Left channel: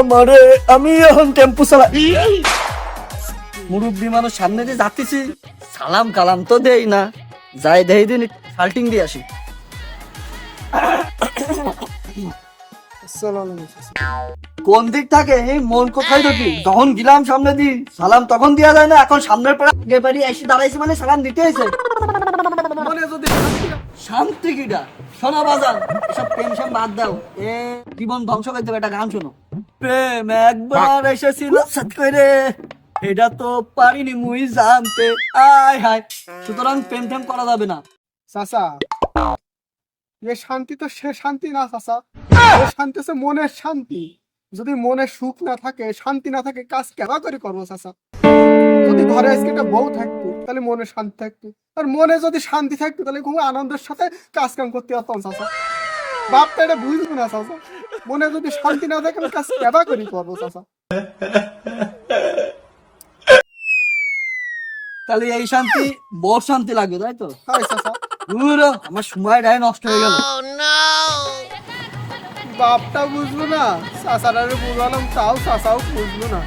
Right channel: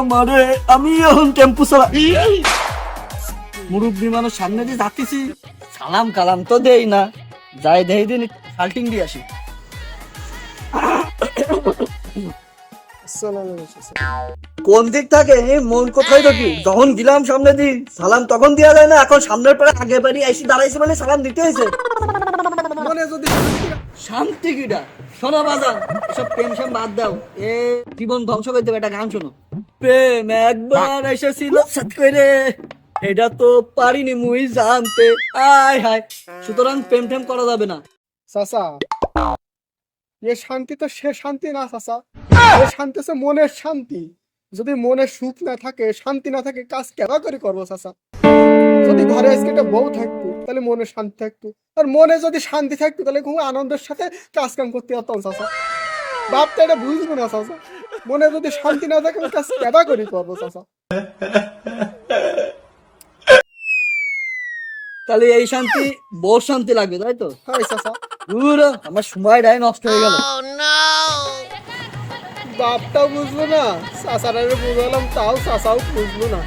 আমারে আমি এখন টেম্পু চালাই। মুরব্বী মানুষ সামনে দিয়ে যাচ্ছি, সালাম কালাম তো দেই না, যাই দেই দিন শাল্টিং দিয়ে আসি। কোন দিক থাকে মন কোথায় দেখি, যখন গেলাম সামনে দিন সালাম তখন দেওয়া যায় না, এখন সামনের পরে আগে বাড়ি এসে দাঁড়াইছে মানে সালাম দিতে হয়েছে। মনে যদি শান্তি কিটা শোনো বাজান, এসব টেনশন বাদ দাও, এ জীবন ধ্বংস করে দেবে। একটা গান শোনো, প্রেম একবার এসেছিল সাথ করে, এটা তো পারিনি মুই জানতে, আয় হায়। সুতরাং প্রেম টেম করা যাবে না। চাচা এ শান্তি তো সে শান্তি না চাচা, এ শান্তি হচ্ছে মনের শান্তি। যদি মনে সুখ না থাকে, শান্তি না থাকে, কাজ কেবা করে করবো চাচা? যদি ঘরে আজকে একটা বউ থাকতো তাহলে মনে শান্তি থাকতো, আর মনে যদি শান্তি থাকতো তাহলে খুব আনন্দের সাথে কাজ কাম করতে পারতাম চাচা। বাপটা এটা বুঝবো না চাচা, মনে যদি শান্তি না থাকে আমি কাজ কেবা করি করবো চাচা? তাহলে এই শান্তি বউ শান্তি লাগবে, তাই তো? হাই চাচা, ধুরো, আমার সময়টাই নষ্ট হয়ে গেল। বাপটাও বুঝলো না, চাচারা বুঝালাম তাও চাচাও বুঝলো না।